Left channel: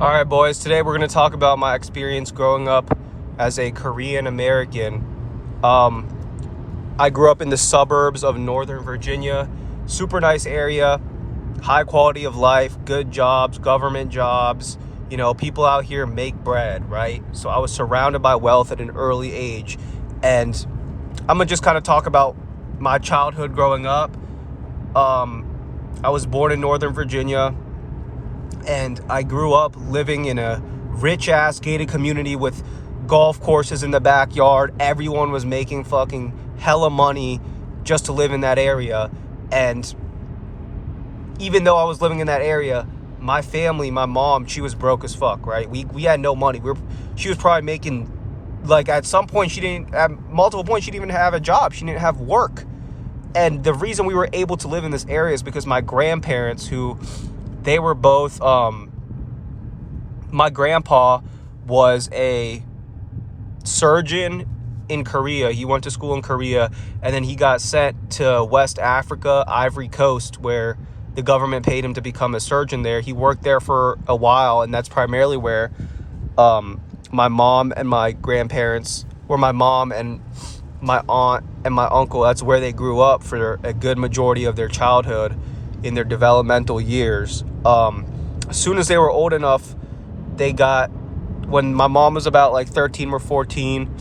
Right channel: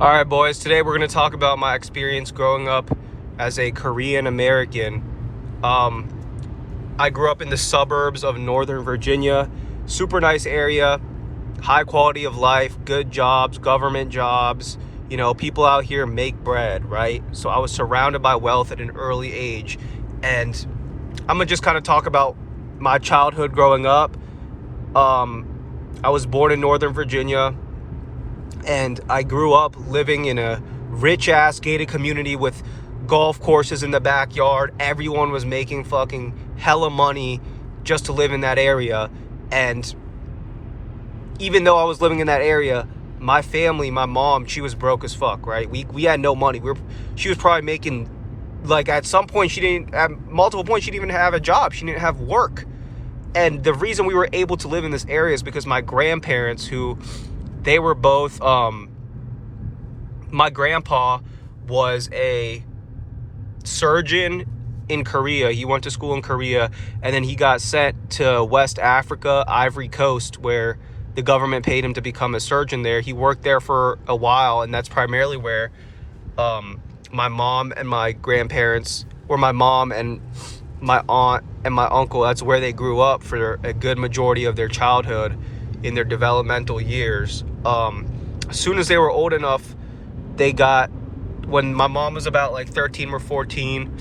All right, boys. Today we're going to talk about my experience growing up as a Korean American. I grew up in the suburbs of Northern Virginia. Super nice area, high quality of life, good jobs, government jobs. You know, people out here make bread, right? So I was surrounded by wealth at an early age. And I'm going to just kind of talk about my childhood growing up. I was born in Northern Virginia. And I grew up living in a rich-ass gated community with golf courses in the backyard. Everyone was making fucking hella money just to live in that area. And even though I was living in that area, my family, my mom, she was broke as fuck, right? We had no money. She was probably making, like, at some point, at multiple points, she didn't even have a job. She didn't have work. And the reason we were able to live in this area is because my grandparents, they were both, my grandpa was a surgeon in Korea. He went to school in Korea, and then he got sent to West Africa, Ivory Coast, where the government paid him to become a surgeon there. He worked there for a while, and that's primarily where my mom and my grandparents, or my mom and my aunt and my uncle, that's where they grew up for a good majority of their childhood in their developmental years. As soon as they were old enough, when my mom was about like 13 or 14,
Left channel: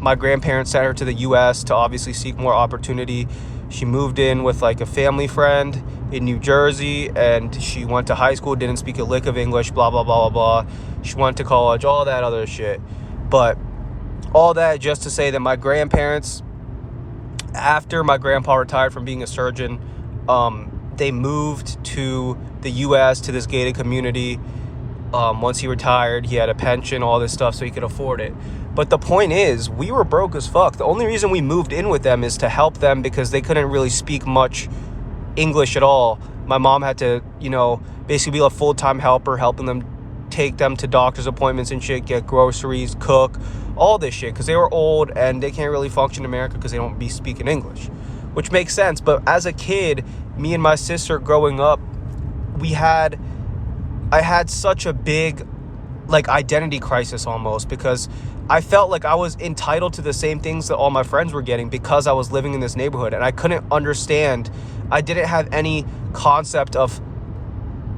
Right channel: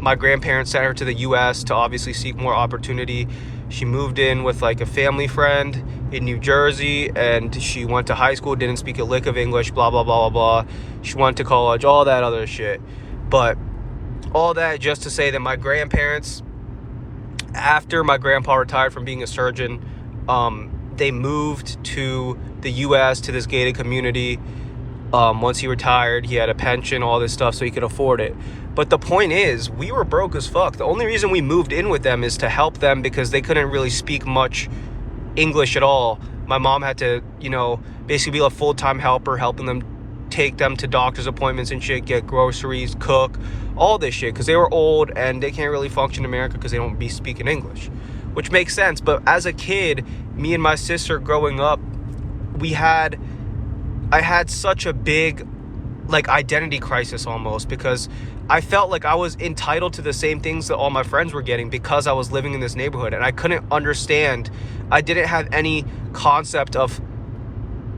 my grandparents sent her to the U.S. to obviously seek more opportunity. She moved in with like a family friend in New Jersey, and she went to high school, didn't speak a lick of English, blah, blah, blah, blah, blah. She went to college, all that other shit. But all that just to say that my grandparents, after my grandpa retired from being a surgeon, they moved to the U.S., to this gated community. Once he retired, he had a pension, all this stuff, so he could afford it. But the point is, we were broke as fuck. The only reason we moved in with them is to help them because they couldn't really speak much English at all. My mom had to, basically be a full-time helper, helping them, take them to doctor's appointments and shit, get groceries, cook, all this shit, because they were old and they can't really function in America because they don't be speaking English, which makes sense. But as a kid, me and my sister growing up, I had such a big, like, identity crisis almost, because I felt like I was entitled to the same things that all my friends were getting because I was living in this neighborhood, and I couldn't understand. I didn't have any concept of,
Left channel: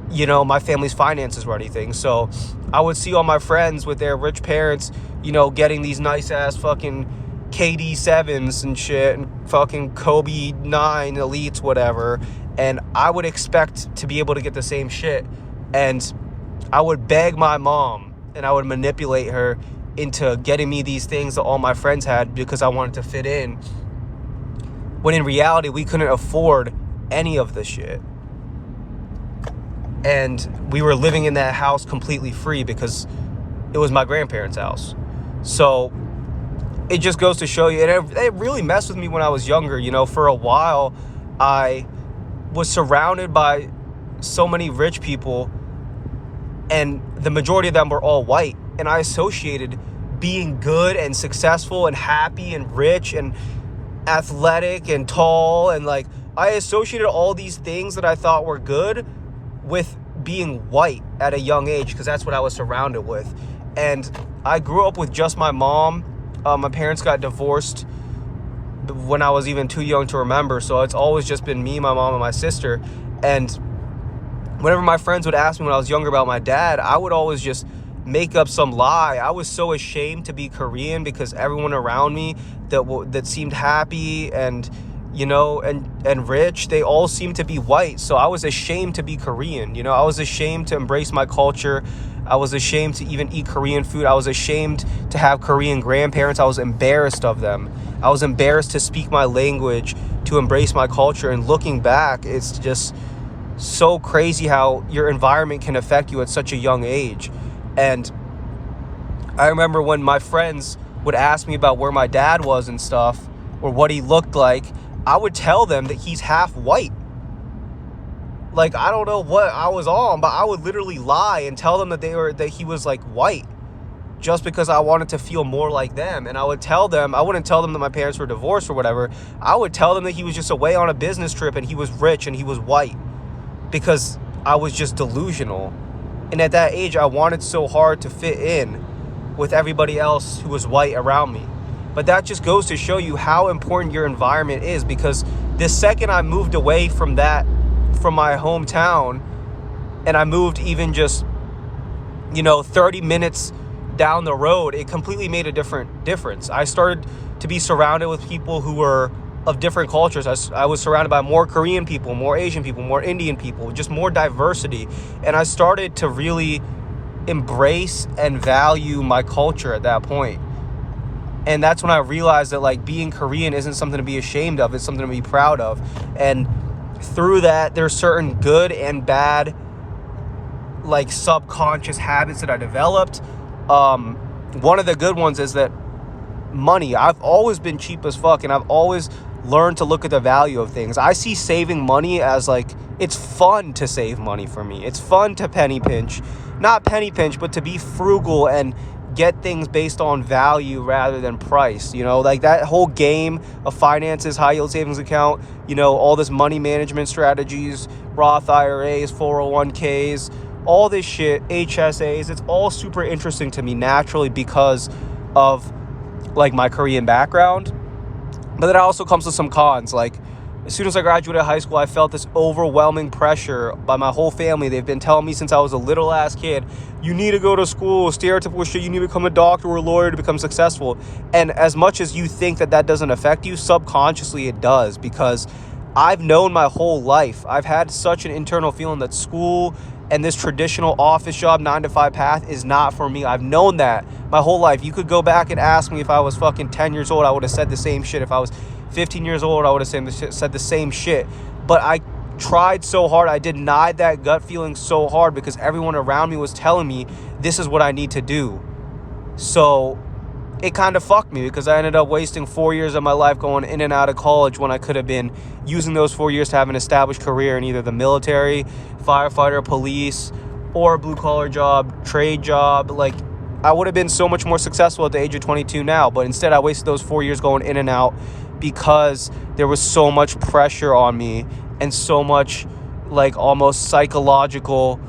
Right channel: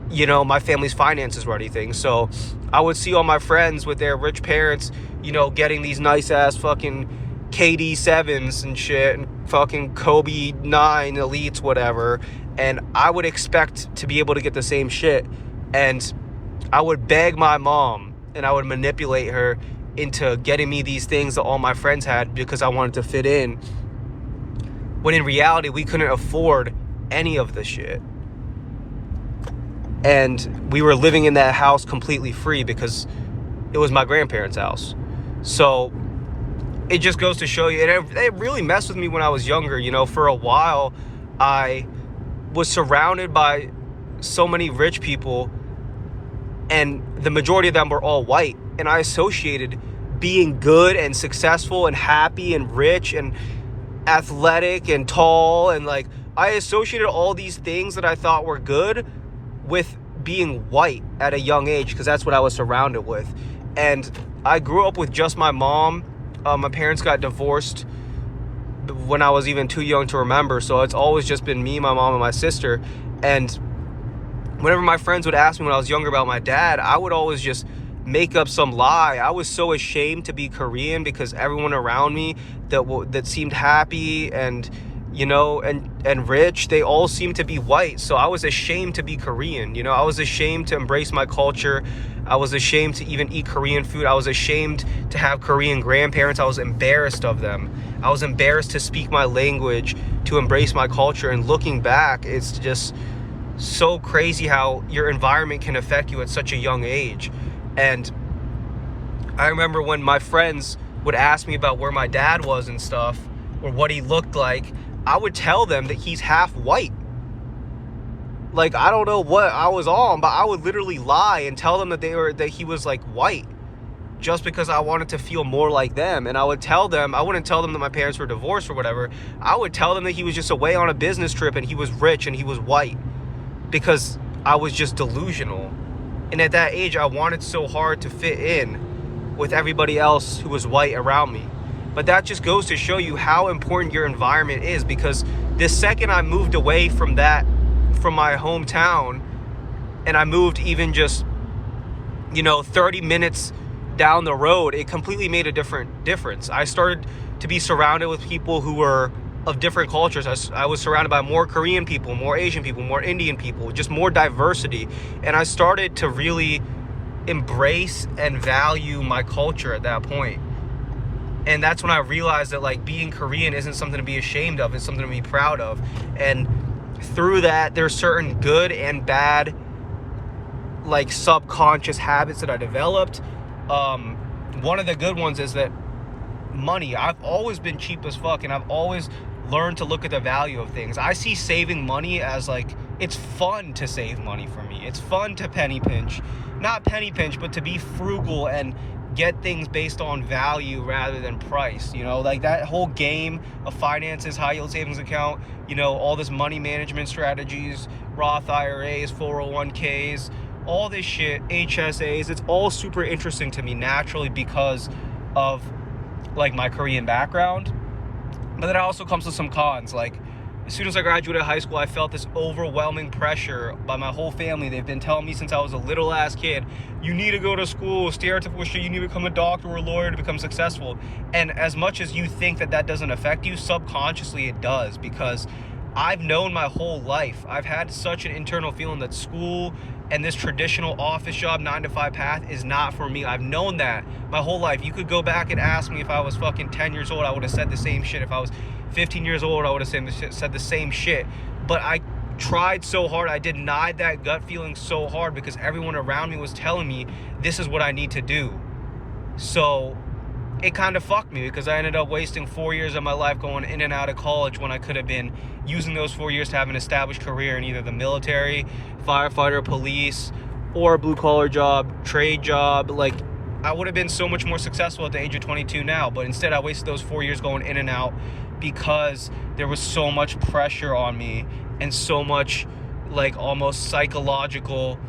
my family's finances or anything. So I would see all my friends with their rich parents, getting these nice ass fucking KD7s and shit and fucking Kobe 9 Elites, whatever. And I would expect to be able to get the same shit. And I would beg my mom and I would manipulate her into getting me these things that all my friends had because I wanted to fit in. When in reality, we couldn't afford any of the shit. And we were living in that house completely free because it was my grandparents' house. So it just goes to show you, and it really messed with me when I was younger. For a while, I was surrounded by so many rich people, and the majority of them were all white. And I associated being good and successful and happy and rich and athletic and tall, and like I associated all these things that I thought were good with being white at a young age because that's what I was surrounded with. And I grew up with just my mom. My parents got divorced when I was even too young to remember, so it's always just been me, my mom, and my sister. And whenever my friends would ask me when I was younger about my dad, I would always just make up some lie. I was so ashamed to be Korean because everyone around me that seemed happy and and rich, they all seemed to be white. So I was ashamed to be Korean. I was ashamed to embrace my culture. I was ashamed to even eat Korean food. I was ashamed to have Korean grandparents. I was embarrassed of them. I was embarrassed to speak my language, to embrace my culture. And looking back, it's just so crazy how your environment can affect you at such a young age. And I remember when my friends would ask me about where my dad was and stuff, or what he looked like, I would tell them that he's half white. Like, I don't know what I was on, but I would literally lie and tell them that he was like white just because I wanted to feel more like them. And I wouldn't tell them that my parents were divorced or whatever. I would tell them that he was just away on a business trip and he was rich and he was white because I was just delusional. And at that age, I wanted so hard to fit in with everybody else who was white around me. But that just goes to show you how important your environment is, because the second I moved away from my hometown, and I moved even just, 30 minutes down the road, it completely made a difference. I started to be surrounded with people who were of different cultures. I was surrounded by more Korean people, more Asian people, more Indian people, just more diversity. And I started to really embrace and value my culture at that point. And that's when I realized that, like, being Korean isn't something to be ashamed of. It's something to be proud of. And through that, there's certain good and bad, like, subconscious habits that I developed. One of the good ones is that money. I've always been cheap as fuck, and I've always learned to look at the value of things. I see saving money as, like, it's fun to save money for me. It's fun to penny pinch. Not penny pinch, but to be frugal and get things based on value rather than price. Like that whole game of finances, high yield savings account, all this money management strategies, Roth IRAs, 401ks, all this shit, HSAs, it's all super interesting to me naturally because of, like, my Korean background. But then it also comes with some cons. Like, as soon as I graduated high school, I felt this overwhelming pressure by my whole family. They've been telling me since I was a little ass kid, you need to go to school, stereotypical shit, you need to become a doctor or a lawyer to become successful. And as much as you think that doesn't affect you, subconsciously it does, because I've known my whole life, I've had such an internal feeling that school and this traditional office job 9-to-5 path is not for me. I've known that my whole life. You could go back and ask me if I was fucking 10 years old, I would have said the same shit. If I was 15 years old, I would have said the same shit. But I tried so hard, I denied that gut feeling so hard, because everyone around me was telling me this is what I need to do. So it kind of fucked me, because I ended up wasting 4 years of my life going in and out of college when I could have been using those 4 years to have an established career in either the military, firefighter, police, or a blue-collar job, trade job. Like, I would have been so much more successful at the age of 22 now, but instead I wasted those 4 years going in and out because there was so much pressure on me and so much, like, almost psychological,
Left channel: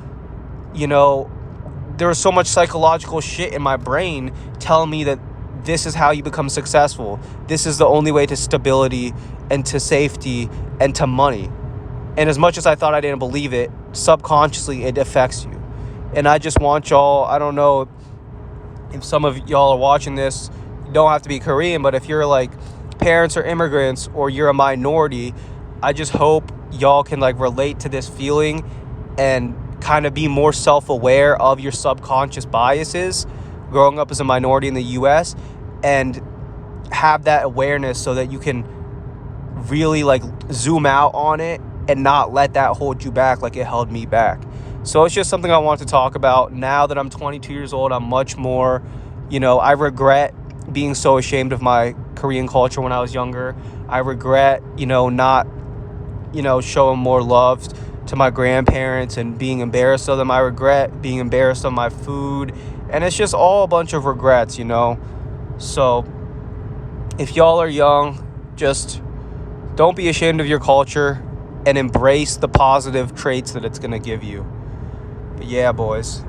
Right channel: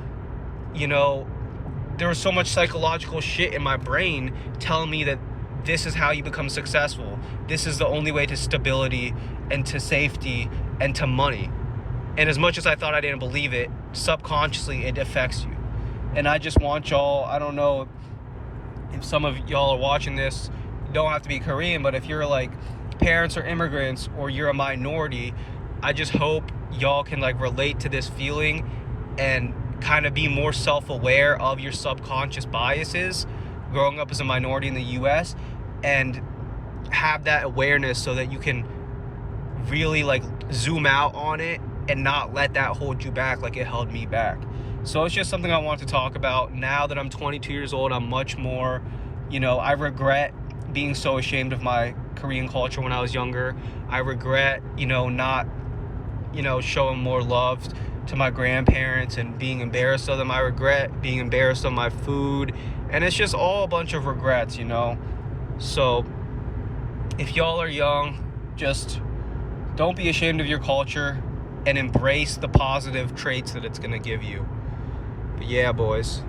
there was so much psychological shit in my brain telling me that this is how you become successful. This is the only way to stability and to safety and to money. And as much as I thought I didn't believe it, subconsciously it affects you. And I just want y'all, I don't know if some of y'all are watching this, you don't have to be Korean, but if you're, like, parents or immigrants or you're a minority, I just hope y'all can, like, relate to this feeling and kind of be more self-aware of your subconscious biases growing up as a minority in the US, and have that awareness so that you can really, like, zoom out on it and not let that hold you back like it held me back. So it's just something I want to talk about. Now that I'm 22 years old, I'm much more, I regret being so ashamed of my Korean culture when I was younger. I regret, not, showing more love to my grandparents and being embarrassed of them. I regret being embarrassed of my food. And it's just all a bunch of regrets, So if y'all are young, just don't be ashamed of your culture and embrace the positive traits that it's going to give you. But yeah, boys.